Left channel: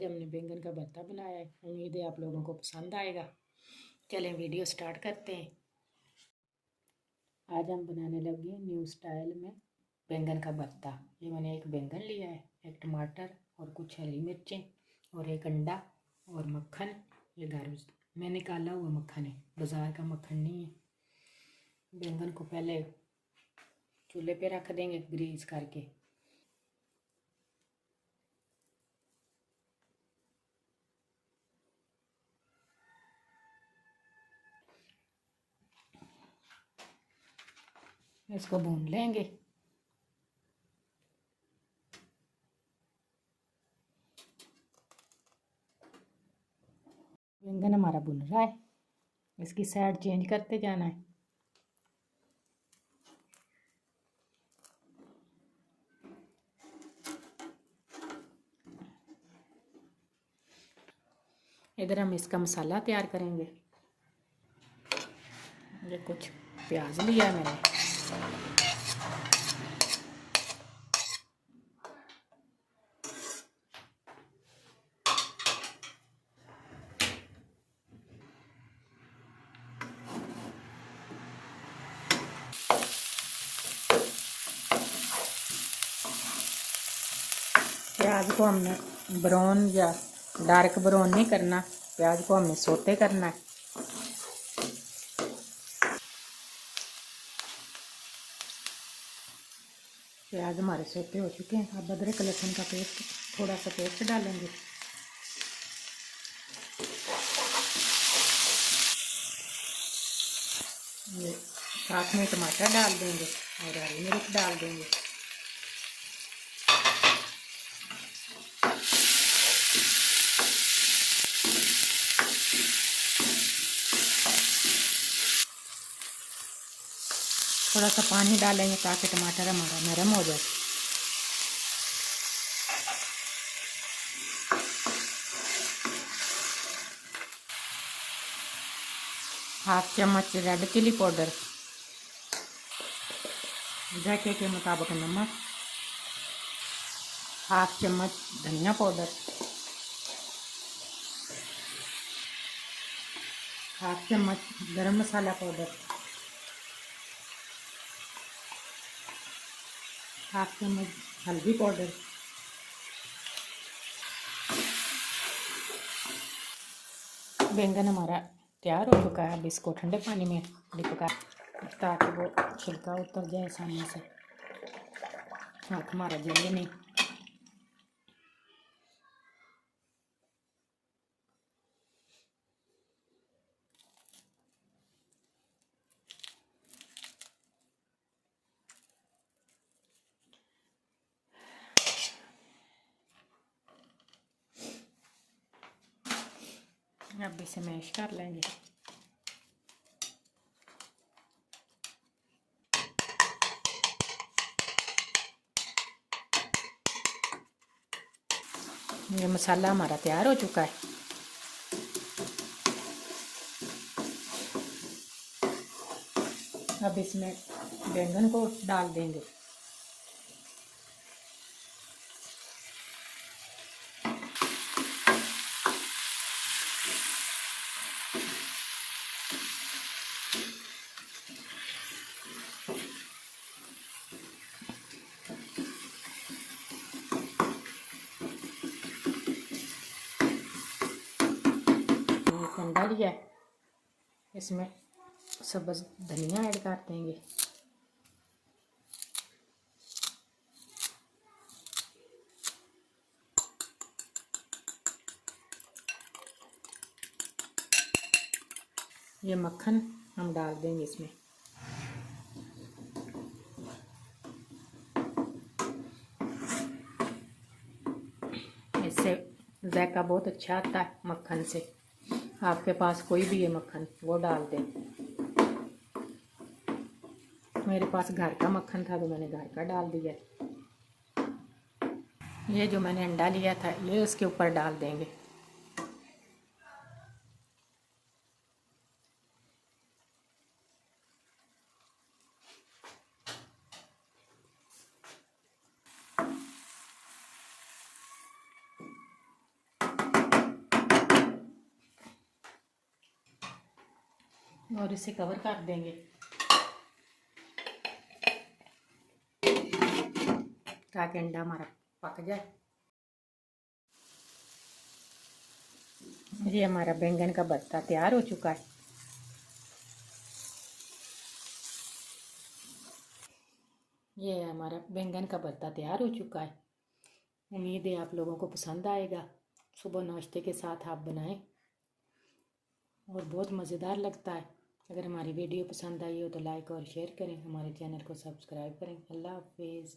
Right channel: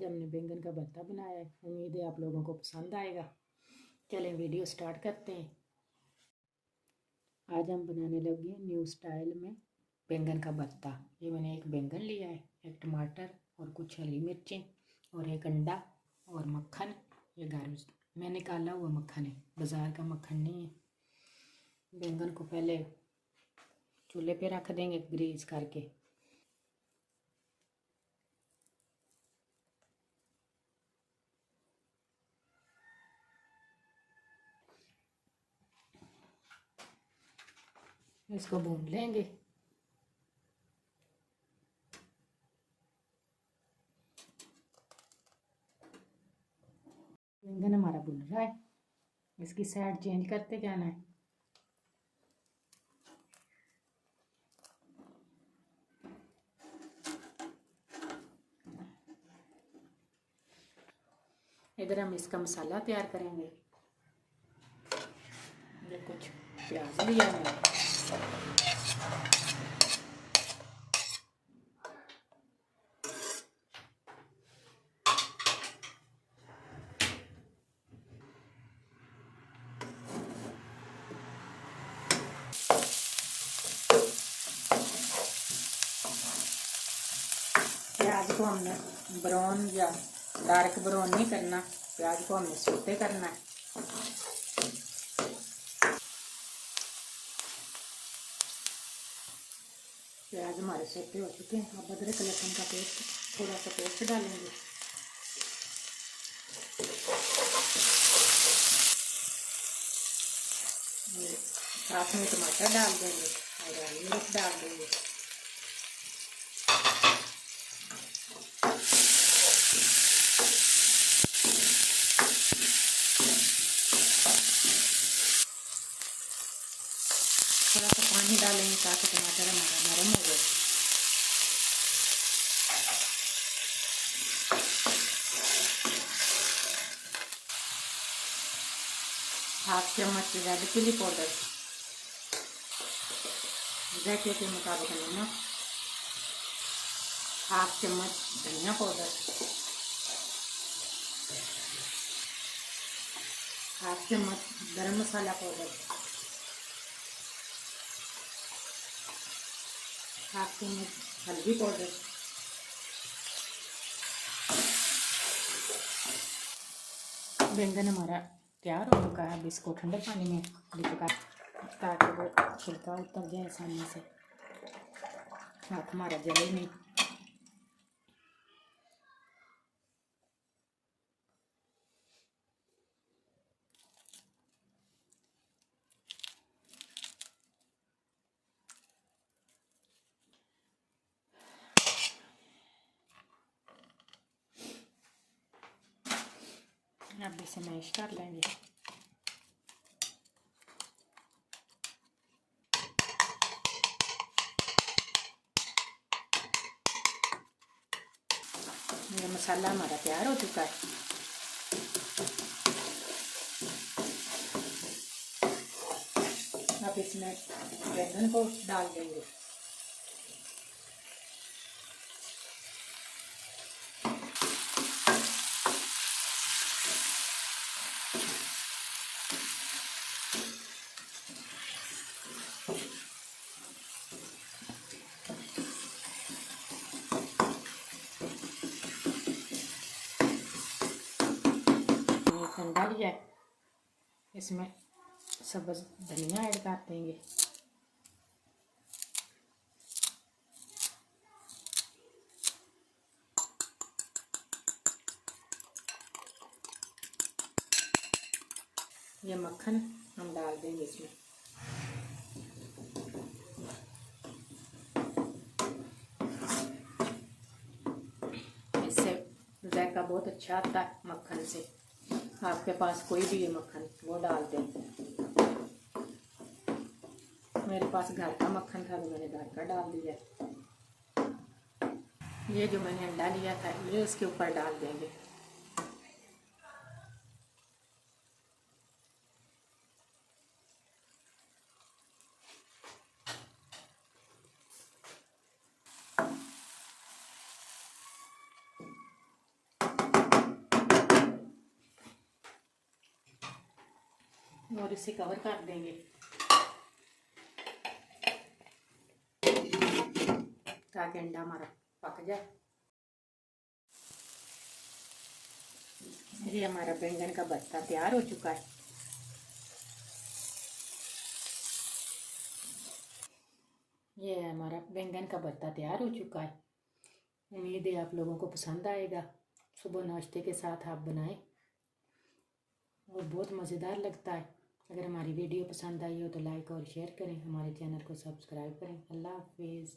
आज हमने बैंगन का भरता बनाया है। उम्मीद है आप लोगों को पसंद आएगा। चलें वीडियो स्टार्ट करते हैं। आज हम बनाने लगे न्यू स्टाइल में बैंगन का भरता। ये मैंने एक बैंगन लिया है, एक टमाटर और कुछ हरी मिर्चें और एक अंडा और मक्खन। ये घर में निकाला हुआ मक्खन है, बाज़ार का मक्खन नहीं है। बैंगन को पहले चूल्हे पे रख देंगे ग्रीस करके। इसको भून लेंगे। बैंगन हमारा भुन रहा है, इसकी साइड चेंज करते जाना है। इधर हम इसका मसाला तैयार करेंगे। ये कुछ प्याज लिया है मैंने, प्याज को हमने ब्राउन या डार्क ब्राउन नहीं करना, प्याज को हमें सोते करना है। प्याज हमारे सोते हो चुके हैं। अब अदरक लहसुन का पेस्ट, थोड़ा सा पेस्ट डालेंगे। साथ में टमाटर डाल देंगे और हरी मिर्च डाल देंगे। थोड़ा सा पानी डालेंगे ताकि टमाटर हमारा नरम हो जाए। हाफ चम्मच रेड चिली पाउडर, जायके के मुताबिक नमक, हाफ चम्मच धनिया पाउडर, हाफ चम्मच गरम मसाला पाउडर, हाफ चम्मच हल्दी पाउडर। बैंगन हमारा तैयार हो चुका है। अब इसको ठंडे पानी में डिपका ताकि वो छिलका उतर जाए आसानी से, हाथ हमारा जले नहीं। अब इसे मैश कर लेंगे। ये मसाला हमारा तैयार हो चुका है। अब इसमें बैंगन को डाल देंगे। अंडा लिया, इसमें सब्ज़ धनिया ऐड कर देंगे। ये मक्खन हम डाल देंगे इसमें। इससे जायका बहुत अच्छा आता है मक्खन से। आपके पास कोई भी है मक्खन, वो डाल दें। मेरे पास घर का मक्खन था तो मैंने घर का डाल दिया। ये जो मैंने अंडा लिया था ये इसके ऊपर डाल देंगे। और इसे कवर कर देंगे ताकि अंडा हमारा पक जाए। ये हमारा बैंगन का भरता तैयार हो चुका है। ये हमारा बैंगन का भरता तैयार हो चुका है। उम्मीद है आप लोगों को पसंद आएगा। सुबह नाश्ते के साथ आप बनाएं और बहुत मज़ेदार लगता है। अगर हमारी वीडियो पसंद आई हो तो लाइक और शेयर करें, हमारे चैनल को सब्सक्राइब करें। अल्लाह हाफिज़।